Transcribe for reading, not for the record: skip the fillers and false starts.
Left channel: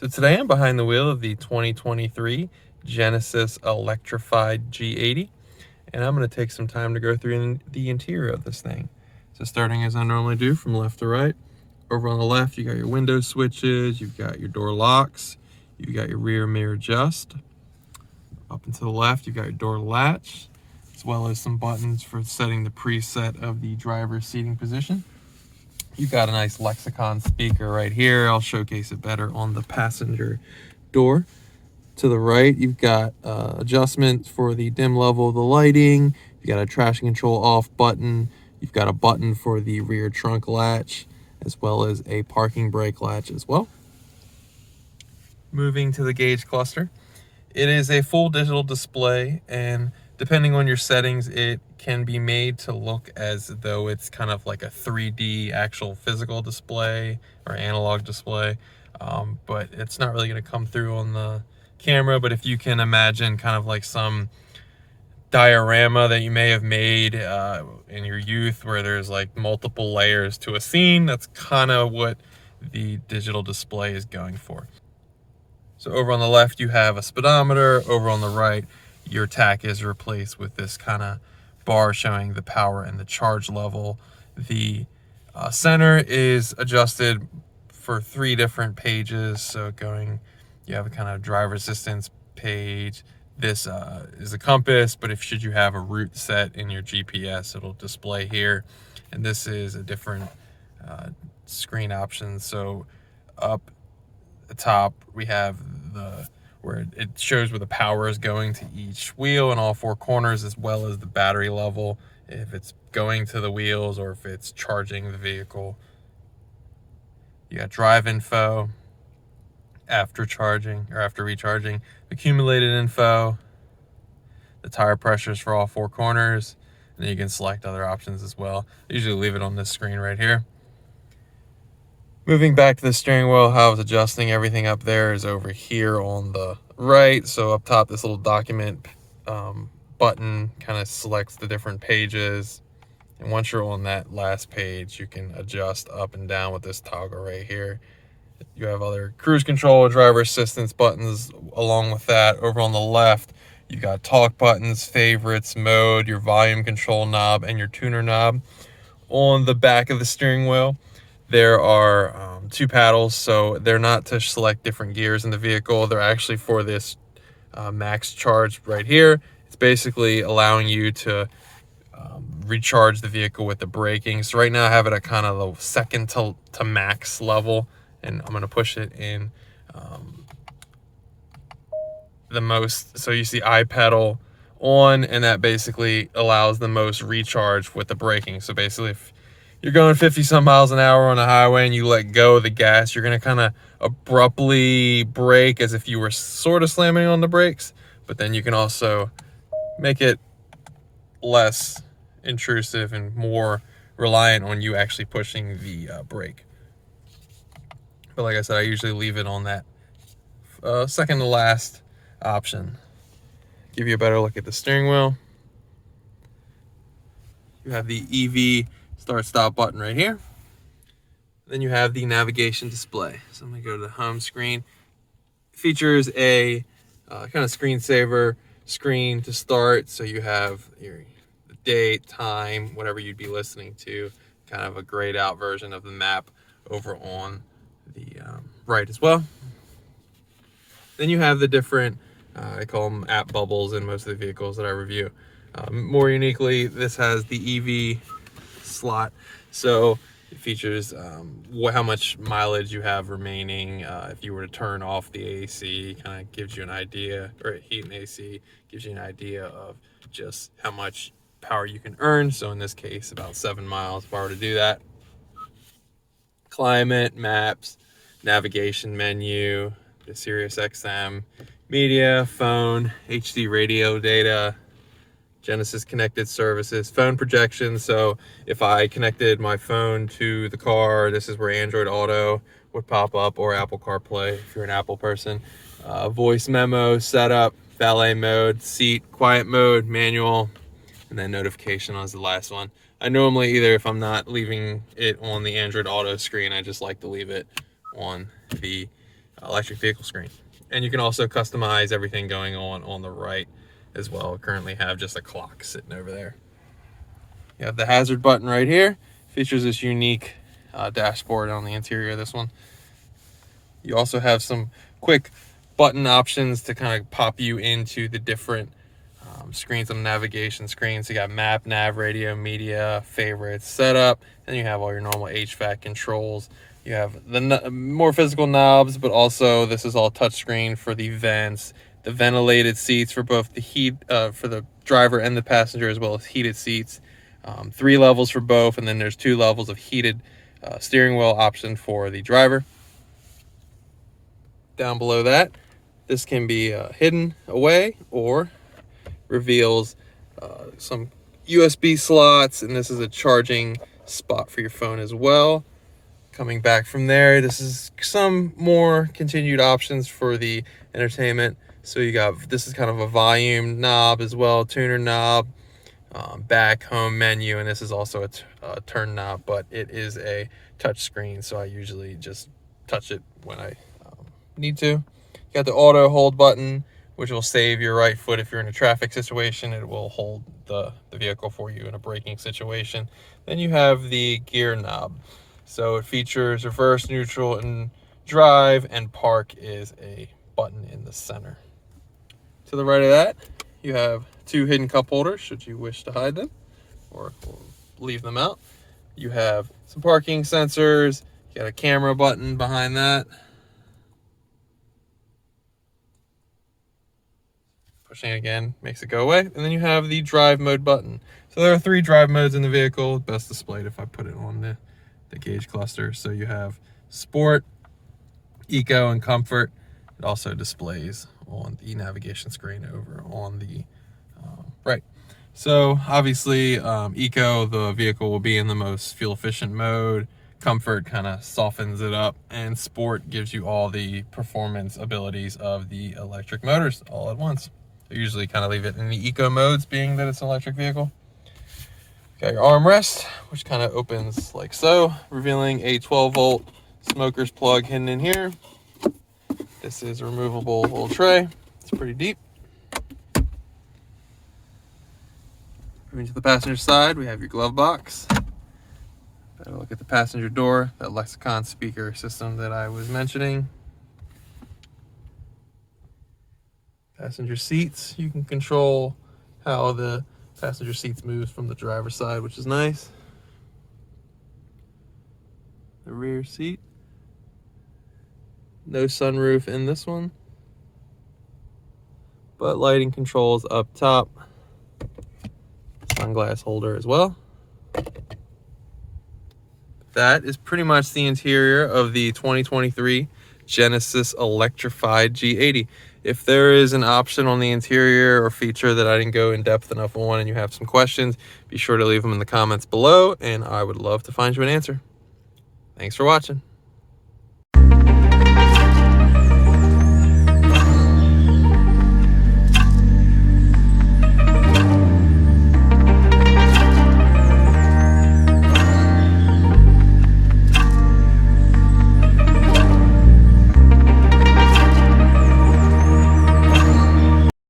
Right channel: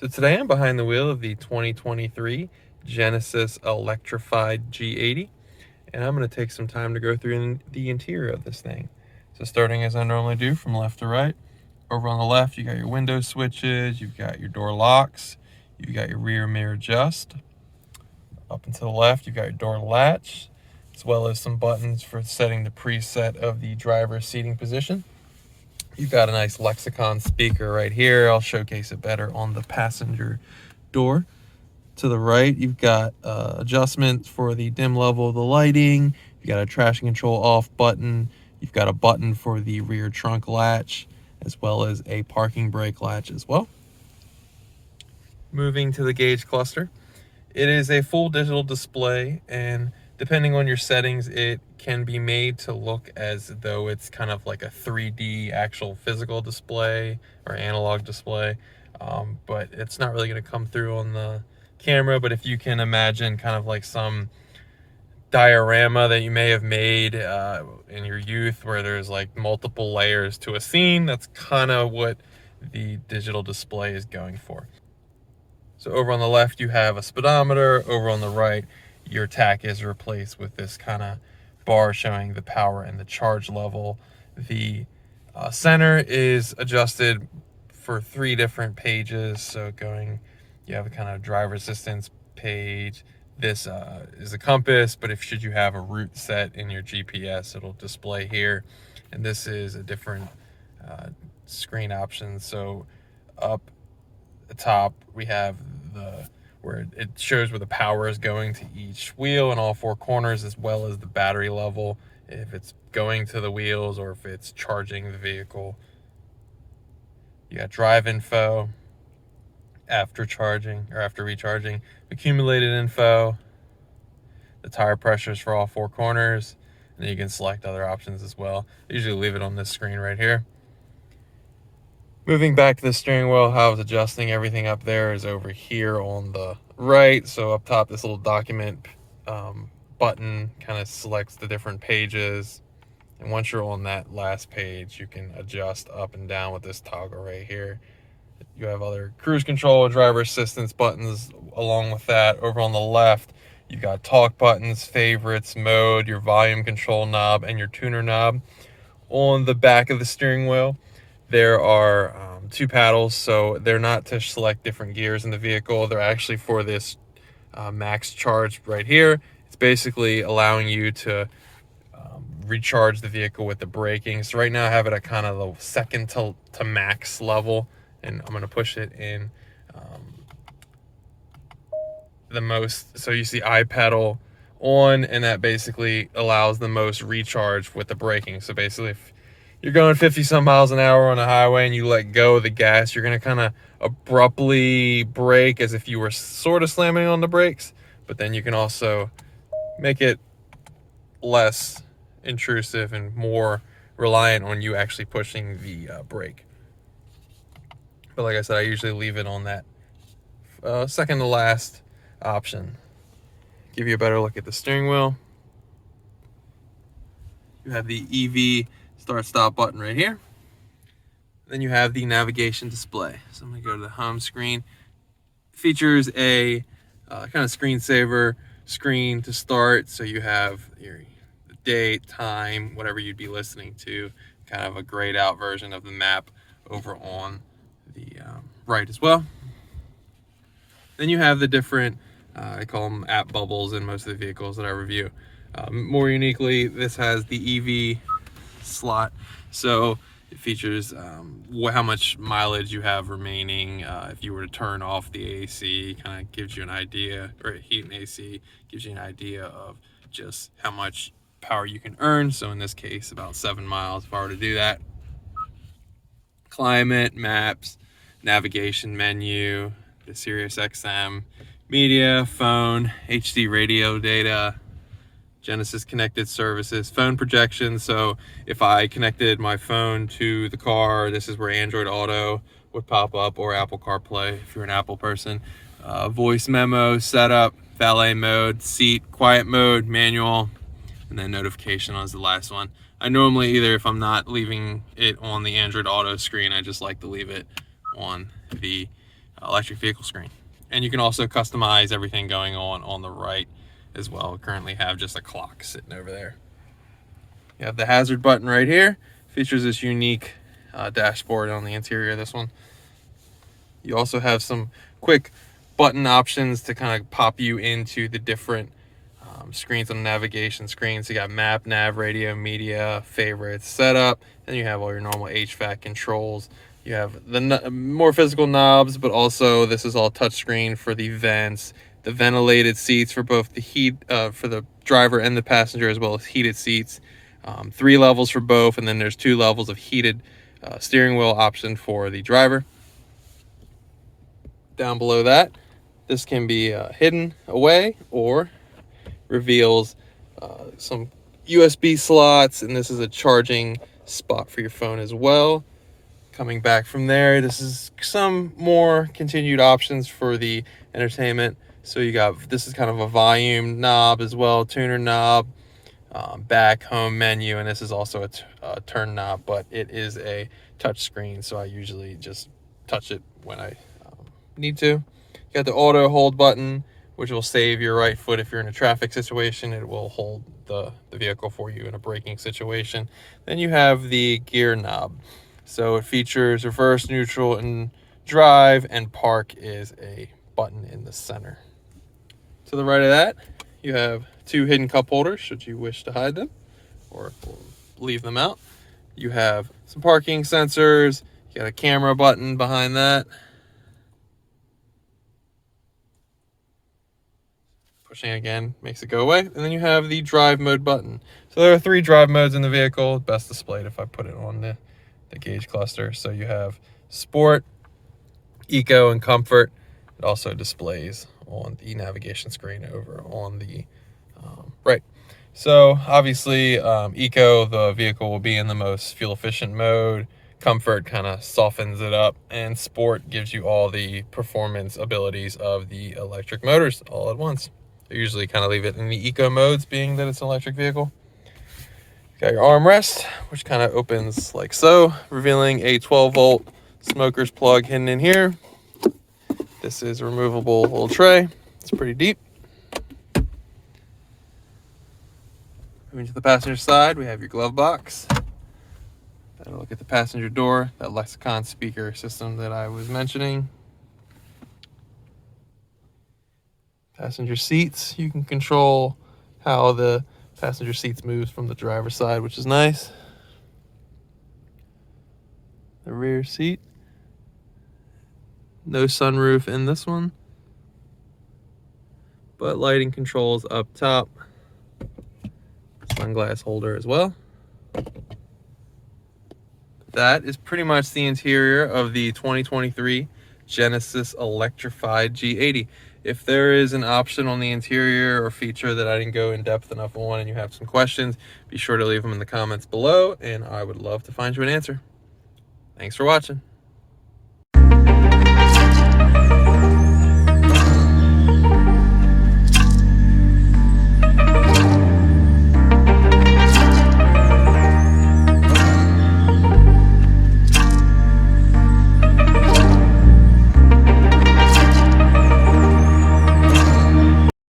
So today I'm behind the wheel of the 2023 Genesis Electrified G80, and I'm going to take some time to go through the interior of this thing. So starting as I normally do from left to right, over on the left you got your window switches, you've got your door locks, you've got your rear mirror adjust. Up and to the left you've got your door latch, as well as some buttons for setting the preset of the driver's seating position. You've got a nice Lexicon speaker right here. I'll showcase it better on the passenger door. To the right, you've got adjustments for the dim level of the lighting. You've got a traction control off button. You've got a button for the rear trunk latch, as well as a parking brake latch as well. Moving to the gauge cluster. It is a full digital display, and depending on your settings, it can be made to look as though it's kind of like a 3D actual physical display or analog display, but it's not really going to come through on the camera. But if you can imagine kind of like some diorama that you may have made in your youth where there's like multiple layers to a scene, that's kind of what the digital display is going for. So over on the left, you have a speedometer. Over on the right, your tach is replaced with this kind of bar showing the power and the charge level. The center is adjusted for 3 different pages. So you have a kind of driver assistance page. This is a compass, but should you have a route set in your GPS, it'll display here. And this is a different screen option. So up the top we have where it shows where the power is going to each wheel in all 4 corners, as well as the battery level, if it's going to the wheels or if it's charging the vehicle. You got drive info, after charging or after recharging, accumulated info, the tire pressures for all 4 corners, and then you can select other options as well. I usually leave it on this screen right here. Moving back to the steering wheel, how I was adjusting everything up there is over here on the right. So up top, this little document button kind of selects the different pages. And once you're on that last page, you can adjust up and down with this toggle right here. You have other cruise control, driver assistance buttons along with that. Over on the left, you got talk buttons, favorites, mode, your volume control knob, and your tuner knob. On the back of the steering wheel, there are 2 paddles, so they're not to select different gears in the vehicle. They're actually for this max charge right here. It's basically allowing you to recharge the vehicle with the braking. So right now I have it at kind of the second to max level, and I'm going to push it in the most. So you see I pedal on, and that basically allows the most recharge with the braking. So basically if you're going 50 some miles an hour on the highway and you let go of the gas, you're going to kind of abruptly brake as if you were sort of slamming on the brakes, but then you can also make it less intrusive and more reliant on you actually pushing the brake. But like I said, I usually leave it on that second to last option. Give you a better look at the steering wheel. You have the EV start stop button right here. Then you have the navigation display. So I'm going to go to the home screen. It features a kind of screensaver screen to start. So you have your date, time, whatever you'd be listening to, kind of a grayed out version of the map over on the right as well. Then you have the different, I call them app bubbles in most of the vehicles that I review. More uniquely, this has the EV slot, so it features how much mileage you have remaining. If you were to turn off the AC, kind of gives you an idea, or heat and AC gives you an idea of just how much power you can earn. So in this case, about 7 miles if I were to do that. Climate, maps, navigation menu, the Sirius XM, media, phone, HD radio data, Genesis connected services, phone projection. So if I connected my phone to the car, this is where Android Auto would pop up, or Apple CarPlay if you're an Apple person. Voice memo, setup, valet mode, seat, quiet mode, manual, and then notification is the last one. I normally, either if I'm not leaving it on the Android Auto screen, I just like to leave it on the electric vehicle screen. And you can also customize everything going on the right as well. I currently have just a clock sitting over there. You have the hazard button right here. Features this unique dashboard on the interior of this one. You also have some quick button options to kind of pop you into the different screens on the navigation screen. So you got map, nav, radio, media, favorites, setup. Then you have all your normal HVAC controls. You have the more physical knobs, but also this is all touchscreen for the vents, the ventilated seats for both the heat for the driver and the passenger, as well as heated seats. 3 levels for both, and then there's 2 levels of heated steering wheel option for the driver. Down below that, this can be hidden away or reveals some USB slots, and this is a charging spot for your phone as well. Coming back from there, this is some more continued options for the entertainment. So you got, this is kind of a volume knob as well, tuner knob, back, home, menu, and this is also a turn knob, but it is a touch screen, so I usually just touch it when I need to. You got the auto hold button, which will save your right foot if you're in a traffic situation. It will hold the vehicle for you in a braking situation. Then you have the gear knob. So it features reverse, neutral, and drive, and park is a button in the center. To the right of that, you have 2 hidden cup holders should you wish to hide them or leave them out. You have some parking sensors. You got a camera button behind that. Pushing again makes it go away. And then you have the drive mode button. So there are 3 drive modes in the vehicle, best displayed if I put it on the gauge cluster. So you have sport, eco, and comfort. It also displays on the navigation screen over on the right. So obviously eco, the vehicle will be in the most fuel efficient mode. Comfort kind of softens it up, and sport gives you all the performance abilities of the electric motors all at once. I usually kind of leave it in the eco modes, being that it's an electric vehicle. Got your armrest, which kind of opens like so, revealing a 12-volt smoker's plug hidden in here. This is a removable little tray. It's pretty deep. Moving to the passenger side, we have your glove box. Better look at the passenger door, that Lexicon speaker system that I was mentioning. Passenger seats, you can control how the passenger seats moves from the driver's side, which is nice. The rear seat, no sunroof in this one, but lighting controls up top. Sunglass holder as well. That is pretty much the interior of the 2023 Genesis Electrified G80. If there is an option on the interior or feature that I didn't go in depth enough on and you have some questions, be sure to leave them in the comments below, and I would love to find you an answer. Thanks for watching.